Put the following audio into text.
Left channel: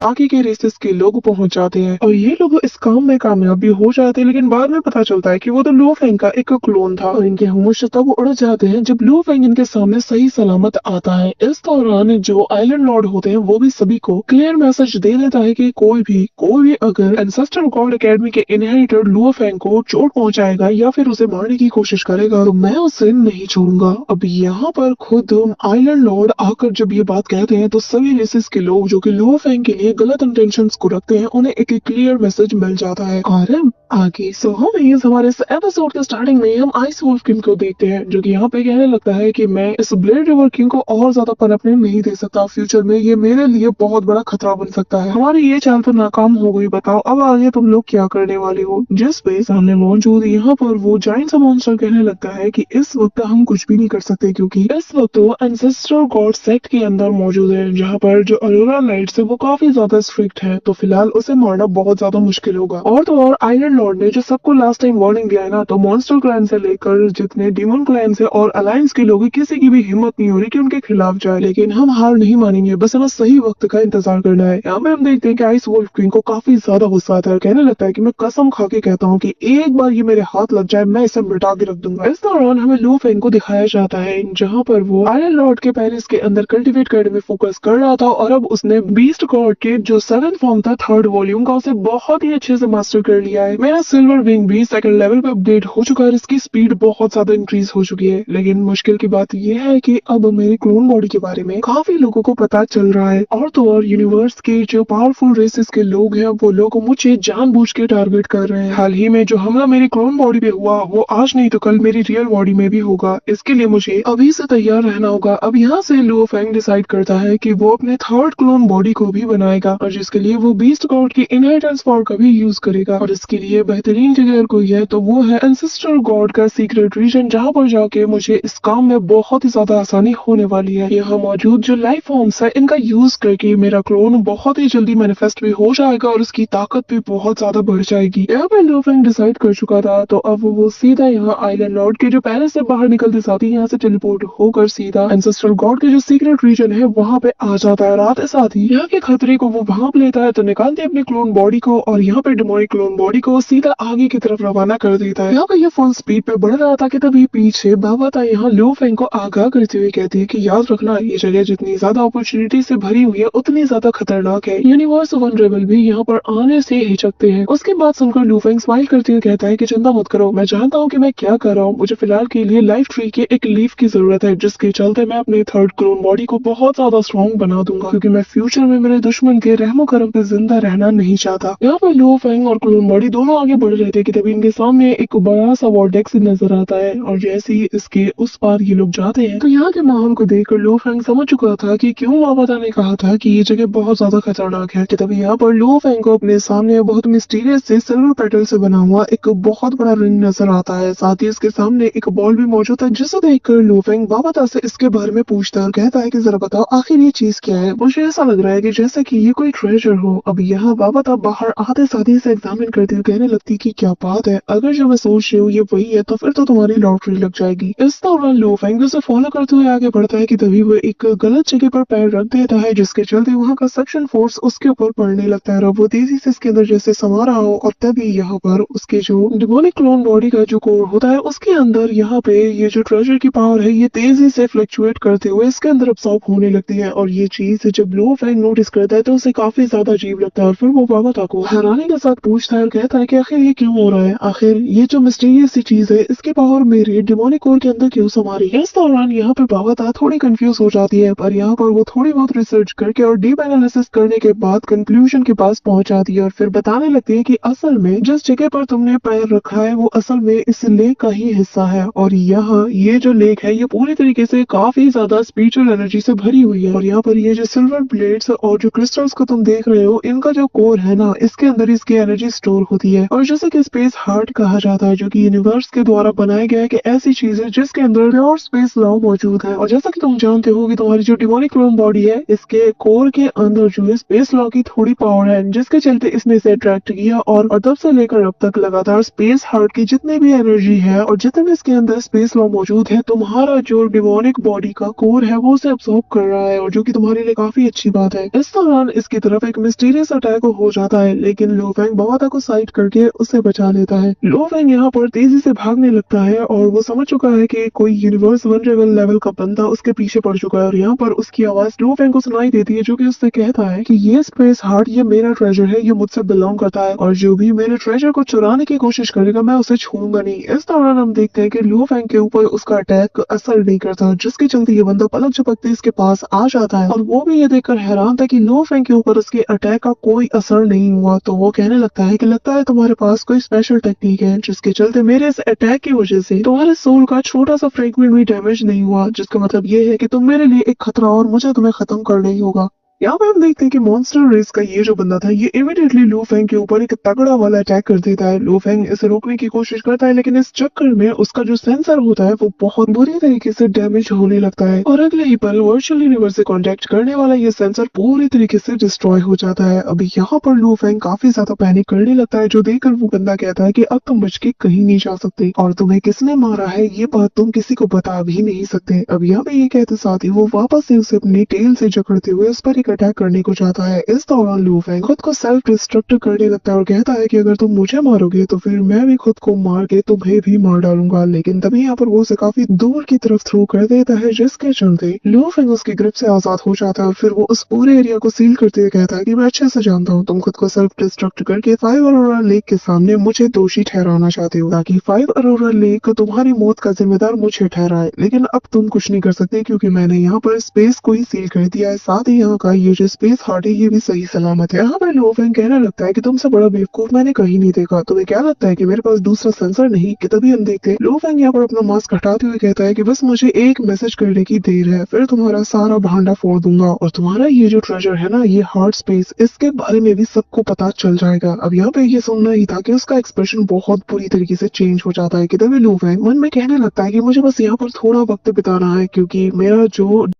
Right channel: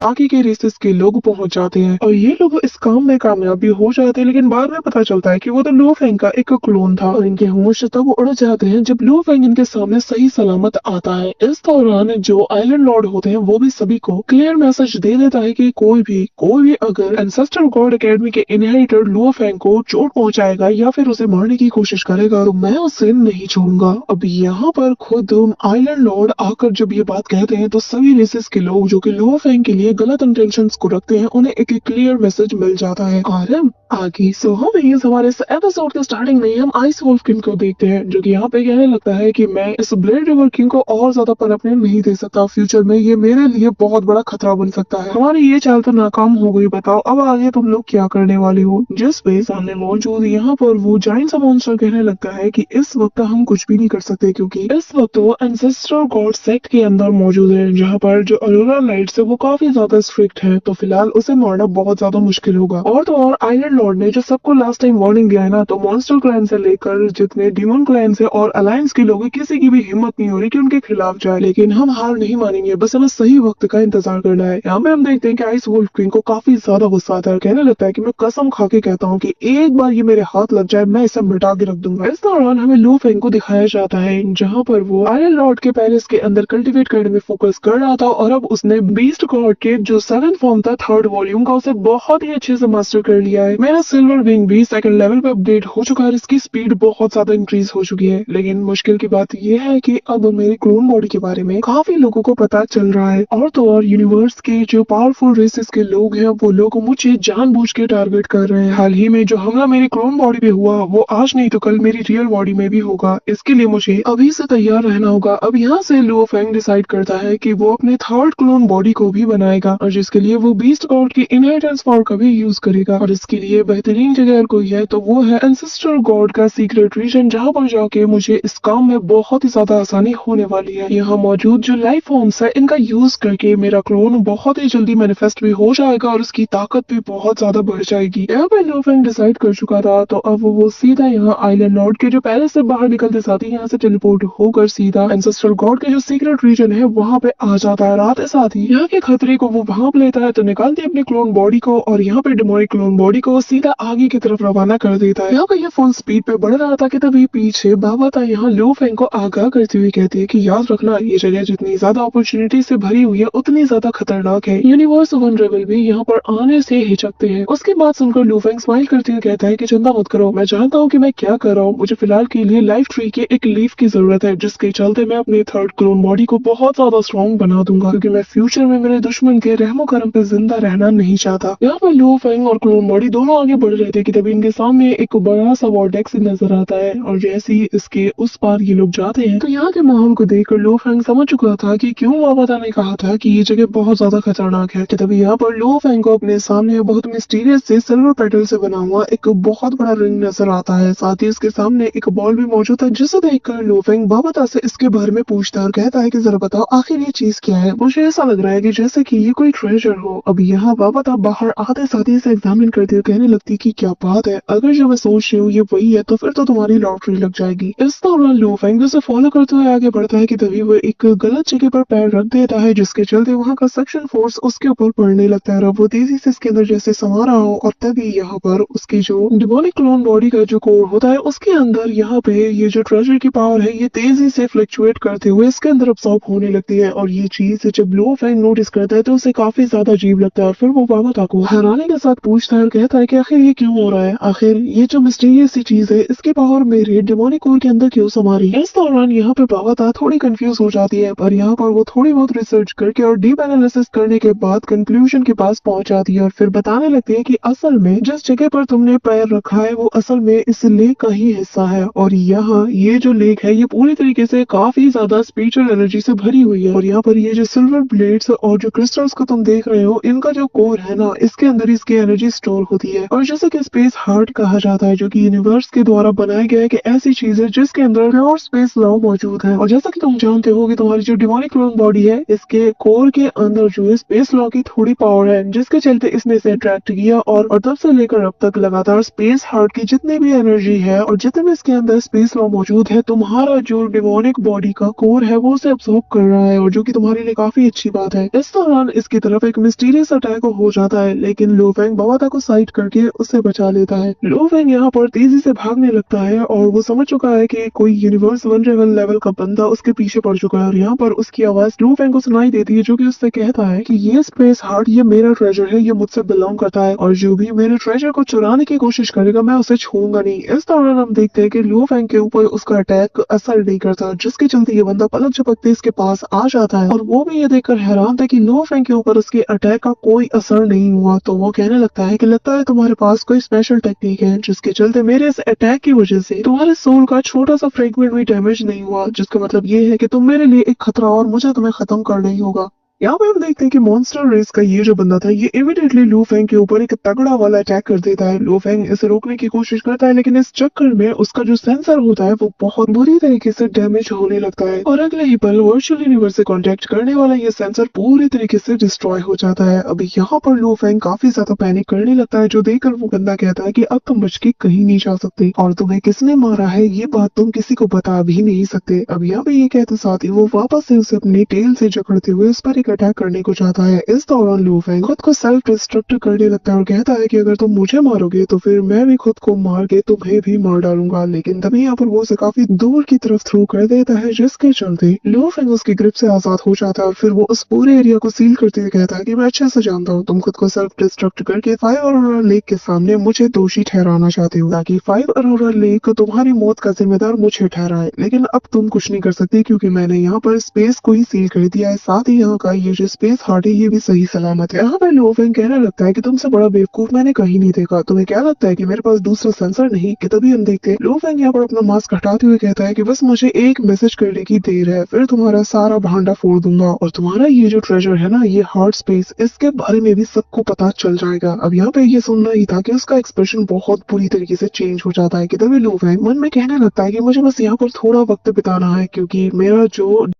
आगे के रेसेस के लोग पहुंच जाते हैं और ये लोग इस काम में कामयाब भी हो जाते हैं, लेकिन बाद में पता चलता है कि वो तो लू फेंग का एक क्लोन था और इनके होश तब उड़ जाते हैं जब लू फेंग इनके सामने सही सलामत आता है। इस दौरान जो आइलैंड लॉर्ड होते हैं वो भी सभी को क्लियर मैसेज दे देता है कि कोई भी अगर एंसेस्टर गॉड एकेडमी के इनहेरिटर लू फेंग को चोट पहुंचाएगा या फिर उसे मारने की कोशिश करेगा तो मैं उसे नहीं छोड़ूंगा। अब यहाँ पर खुद आइलैंड लॉर्ड आकर जब ये बात कहते हैं तो सभी रेसेस के लोग जो कि लू फेंग के लिए गलत इंटेंशंस को रखते हैं उन्हें एक क्लियर मैसेज मिल जाता है। आरएम आगे सो हम इस हमारे इस एपिसोड के स्टार्टिंग में हम आइस वुल्फ किंग को देखते हैं जो कि यहाँ पे कहने लगता है कि मैं इस ब्लेड रिवर किंग को और ज्यादा पनपने नहीं दे सकता, फ्यूचर में ये मेरे लिए बहुत बड़ा खतरा बन सकता है। हमारी ये चाल तो नाकाम हो गई, बताओ अब आगे तुम लोग क्या करने वाले हो। जिस पे सामने मौजूद यहाँ पर वो जाइंट सा मॉन्स्टर कहने लगता है कि इस वक्त हम कुछ भी नहीं कर सकते क्योंकि इस वक्त वो एंसेस्टर गॉड सेक्ट के अंदर मौजूद है जहाँ पर जो अलोरा लाइट्स है वो काफी ज्यादा स्ट्रिक्ट है, तो फिलहाल उसे मारना बहुत ज्यादा मुश्किल होगा। और तो और आयरन लॉर्ड ने जो सबको लास्ट टाइम वार्निंग दिया है ना, तो मॉन्स्टर क्लैन से लेकर जितने डीमन क्लैन से और अलायंस के लोग हैं किसी की भी हिम्मत नहीं हो रही कि उनके खिलाफ जाए, लेकिन हम हार नहीं मानेंगे, बस हमें सही वक्त का इंतजार करना है। यहाँ पे हम देखते हैं कि आइस वुल्फ किंग को काफी ज्यादा गुस्सा आता है, कहने लगता है कि मैं कसम खा के कहता हूँ कि एक बार ये मेरे हाथ लग जाए मैं इसे मिटा के रख दूंगा। इस दौरान हमें लू फेंग को दिखाया जाता है जहाँ पर वो आयरन लॉर्ड के पैलेस के अंदर कल्टीवेट करने में फोकस कर रहा था और अब उसने बीस्ट गॉड के जो 7th फॉर्म था 3rd वॉल्यूम का उसे बहुत ही अच्छे से मास्टर कर लिया है। मेरा सिल्वर विंग भी 2nd लेवल पे अपडेट हो चुका है, इसकी स्पीड बहुत ज्यादा इंक्रीज हो चुकी है, लेकिन मुश्किल की बात यह है कि अब मेरे क्लोन बॉडी के बारे में काफी लोगों को पता चल रहा है और तो और यूनिवर्स के जो पावरफुल रेसेस के लोग हैं वो लोग मुझे जानबूझ के टारगेट कर रहे हैं। हाल ही में जो हमला मेरी क्लोन बॉडी पे हुआ वो आज नहीं तो कल मेरी रियल बॉडी में भी होगा, इसके लिए मुझे अभी से तैयार रहना होगा। अब यहाँ से लो फैंग डिसाइड करता है कि वो अपने 3rd क्लोन बॉडी को भी बनाएगा और जिसके लिए वो बीस्ट गॉड की इनहेरिटेंस पावर का भी यूज करेगा और इसके लिए बेहतरीन जगह कोई है तो वो है एंसेस्टर गॉड का सीक्रेट रीजन, जहाँ पर जाके मुझे इस काम में बहुत ही ज्यादा आसानी होने वाली है। यहाँ मौजूद जो लाइफ फॉर्म्स है इनका यूज करके मेरा क्लोन बहुत ही जल्दी मैनिफेस्ट भी हो जाएगा और उसकी ताकत भी बहुत ज्यादा बढ़ जाएगी। यहाँ पे लो फैंग डिसाइड कर चुका था तो अब वो सीधा यहाँ आइलैंड लॉर्ड के जो पैलेस से बाहर निकलते साथ ही यहाँ से टेलीपोर्ट होकर सीधा एंसेस्टर गॉड के जो सीक्रेट रीजन है वहाँ पे आ जाता है। रात साथ ही यहाँ के खतरे को वो भांप लेता है तो निकालते अपने क्लोन बॉडी को और यहाँ पे डिमोनिक क्लोन बॉडी को वो सीधा आगे की तरफ रवाना कर देता है। यहाँ पे ये फुल स्पीड पे बढ़ रहा था कि तभी पीछे बाबा यहाँ लो फैंग को आगाह करते हुए कहती है कि याद रखना ये जगह जितनी ज्यादा अपॉर्चुनिटी से भरी हुई है उतनी ज्यादा खतरनाक है, यूनिवर्स वनरेबल भी यहाँ पर आने से हिचकते हैं। उसकी बात सुनकर लू फैंग स्माइल करते हुए कहता है कि चिंता मत करो, मैं जानता हूँ कि मैं क्या कर रहा हूँ, मुझे फिलहाल के लिए लाइफ ट्री के एक लीफ की जरूरत है जिसके चलते मैं अपनी 3rd क्लोन बॉडी को बहुत ज्यादा स्ट्रॉन्ग बना दूंगा क्योंकि मैं फ्यूचर में मेरे दुश्मन के रहमो करम पे जिंदा रहना नहीं चाहता। यहाँ पर लो फैंग और क्लोन बॉडी दोनों आगे बढ़ रहे थे कि तभी इनके सामने एक बड़ा सा वॉर्टेक्स नजर आता है और जैसे ही इसके उस पार ये लोग जाते हैं तो यहाँ के माहौल को देखकर लो फैंग समझ चुका था कि क्यों बाबा ने कहा था कि ये जगह बहुत ज्यादा खतरनाक है। कि तभी यहाँ पर लो फैंग को अपने सामने बहुत मिस्टीरियस से सिल्वर पेटल से बना हुआ एक बहुत बड़ा रिंग नजर आता है, साथ ही इसके सामने एक बॉल भी मौजूद है जिसे देखकर लो फैंग बाबा से इसके बारे में पूछता है और कहता है कि जरा बताओ आखिर ये चीज क्या है, मुझे ऐसा लग रहा है कि जैसे कि ये कोई ट्रेजर हो। अब यहाँ बाबा बाहर आते साथ ही से एग्जामिन करते हुए कहने लगती कि क्या बात है, अगर जो मैं सोच रही हूँ ये वही है तो फिर तो तुम्हारी लॉटरी लग जाएगी। इस दौरान लो फैंग उसे फॉलो करते हुए आगे बढ़ता है कि तभी वो एक गलत जगह पर पैर रख देता है जिसके चलते वहाँ का सक्शन फोर्स उसके ऊपर पड़ने लगता है और वो तेजी से इसके अंदर जैसे समा रहा हो और तभी यहाँ पर उसके जो डिमोनिक क्लोन बॉडी का जो कोर होता है उसके अंदर यहाँ पे ये जो ट्रेजर की पावर है ये तेजी से फ्लक्चुएट करते हुए इसके अंदर अब्सॉर्ब होने लगती है और ये चीज जब लो फैंग नोटिस करता है तो उसे काफी ज्यादा अजीब लगता है और फिर वो बाबा को हैरानी के साथ पूछता है और कहता है कि आखिर ये क्यों हो रहा है, आखिर ये जो मिस्टीरियस सी चीज है इसकी पावर मेरे डिमोनिक कोर के अंदर क्यों समा रही है। इस दौरान यहाँ पे बाबा थोड़ी कंफ्यूज हो जाती है पर यहाँ पर वो थोड़ी बहुत रिसर्च करके और डीप एनालिसिस करने के बाद कंक्लूजन के पास पहुंच जाती है और फिर बताने लगती है कि असल में जिस जगह पर तुमने पैर रखा है वो असल में इस लेक का ही हिस्सा है और यहाँ ये जो लेक है ये पूरी तरीके से काफी ज्यादा स्पिरिचुअल एनर्जी से भरी हुई है और यहाँ पर ये जो सिल्वर ब्लेड्स और जो क्रिस्टल्स को तुम देख रहे हो इनका जो कोर है ना इसके अंदर इसकी एनर्जी स्टोर होती है। है। और जैसे कि स्पेस हार्ट कहा जाता है, जो कि यूनिवर्स के द्वारा बनाया गया है, कि ऐसी चीज है जिसके अंदर प्योर स्पेस लॉ मौजूद है। और जैसा कि तुम जानते हो कि तुम्हारी जो डिमोनिक क्लोन बॉडी है, इसके कोर के अंदर जो है स्पेस लॉ की थोड़ी पावर है, जिसके चलते इसने इसे अट्रैक्ट किया। और तब से लेकर अब तक लगातार स्पेस हार्ट की जितनी भी एनर्जी है और जितने भी इसके अंदर स्पेस लॉ मौजूद है, तुम्हारा जो डिमोनिक बॉडी का कोर है वो उसे अब्सॉर्ब कर रहा है, और जो कि तुम्हारे लिए काफी अच्छी बात है। इस दौरान इसकी तरफ एक मिस्टीरियस अटैक हो जाता है, लेकिन लो फेंग बावाता को साइड करके उसे बचा लेता है। लो फेंग यहाँ पर तेजी से भागने लगता है और वो समझ चुका है कि कोई यूनिवर्स वनरेबल लेवल का बंदा उसके पीछे पड़ चुका है। और यहाँ पर उसकी आवाज लो फेंग को सुनाई देती है, जो कि उससे कहता है कि ये स्पेस हार्ट ये मेरा ट्रेजर है, ये मुझसे बिलोंग करता है, और जो भी मेरे ट्रेजर को चुराने की कोशिश करेगा मैं उसे छोड़ूंगा नहीं। इस दौरान हम देखते हैं कि लो फेंग के ऊपर उसका अटैक असर नहीं करता, जिसके चलते ये बंदा पलक झपकते इसके पास आ जाता है। और वो भी ये देखकर हैरान था कि लो फेंग के ऊपर उसके अटैक का कोई असर नहीं हुआ। तो वो कहने लगता है कि लगता है तुम्हारे पास कोई स्पेशल टेक्निक है, जिसके चलते मेरे इस अटैक की वजह से तुम्हारे सोल का छोटा सा फ्रेगमेंट भी डैमेज नहीं हुआ, जिसका मतलब ये है कि तुम मेरे लिए एक खतरा और मुझे तुम्हें खत्म करना ही होगा। यहाँ पे हम देखते हैं कि मॉन्स्टर रेस का ये जो बंदा था, ये इमीडिएटली लू फेंग के ऊपर एक तगड़ा वाला अटैक कर देता है। लू फेंग इसे रोकने की कोशिश करता है, लेकिन इस चक्कर में उसका जो सेंसर होता है वो बहुत बुरी तरीके से डैमेज होने लगता है, और अगले ही पल वर्चुअल यूनिवर्स से कांटेक्ट करने वाला ये सेंसर पूरी तरीके से डिस्ट्रॉय हो जाता है। अभी यहाँ पर लू फेंग काफी ज्यादा पैनिक करने लगता है, जो देखकर वो बंदा कहता है कि अब तुम बच के कहीं नहीं जा सकते, और तुम्हें किसने मारा है ये बात तुम किसी को बता भी नहीं सकते। अब यहाँ पे ये कहते साथ ही वो वापस से उसे अपनी टेल से जकड़ते हुए उस पर एक अटैक करने को जाता है। इस दौरान लू फेंग खुद को सेल्फ डिस्ट्रक्ट करने लगता है और कहता है कि अगर तुम मुझे मारोगे तो फिर मैं भी खुद को मार के तुम्हें भी मार डालूंगा। लेकिन तभी यहाँ पर वो उसे काफी दूर की तरफ थ्रो कर देता है, जिसके चलते लू फेंग उसकी ग्रिप से आजाद हो जाता है। फिर वो उस पूरे एरिया को सील करते हुए कहता है कि मैं अच्छे से जानता हूँ तुम खुद को सेल्फ डिस्ट्रक्ट करके 5 अरोरा लेक के सामने मुझे दोषी ठहराना चाहते हो, ताकि 5 अरोरा लेक तुम्हारी मौत का जिम्मेदार मुझे ठहराए। लेकिन अब तुम कुछ नहीं कर सकते, क्योंकि मैंने यहाँ पर स्पेस को ही सील कर दिया है। साथ ही यहाँ का ये जो स्पेस हार्ट है ये भी सही सलामत है। यहाँ पर लो फेंग कहने लगता है कि तुमसे बड़ा बेवकूफ मैंने कहीं नहीं देखा, तुम्हें क्या लगता है कि मेरे पास दूसरा सेंसर नहीं? कि तभी हम देखते हैं लो फेंग यहाँ पर अपना मास्क हटाते हुए कहता है कि बस मुझे एक मैसेज करने की देर है, फिर तुम्हारा सारा भांडा फोड़ दूंगा, और तुम्हारा ये जो ट्रेजर है ना, ये हार्ट स्पेस, इसके बारे में भी सबको पता चल जाएगा। अब यहाँ पे ये सुनना ही था कि उसका एक्सप्रेशन बहुत बुरी तरीके से चेंज हो जाता है, कि तभी लो फेंग मन में कहने लगता है कि मुझे बस यहाँ पर थोड़ा वक्त बिताना है, क्योंकि मेरा जो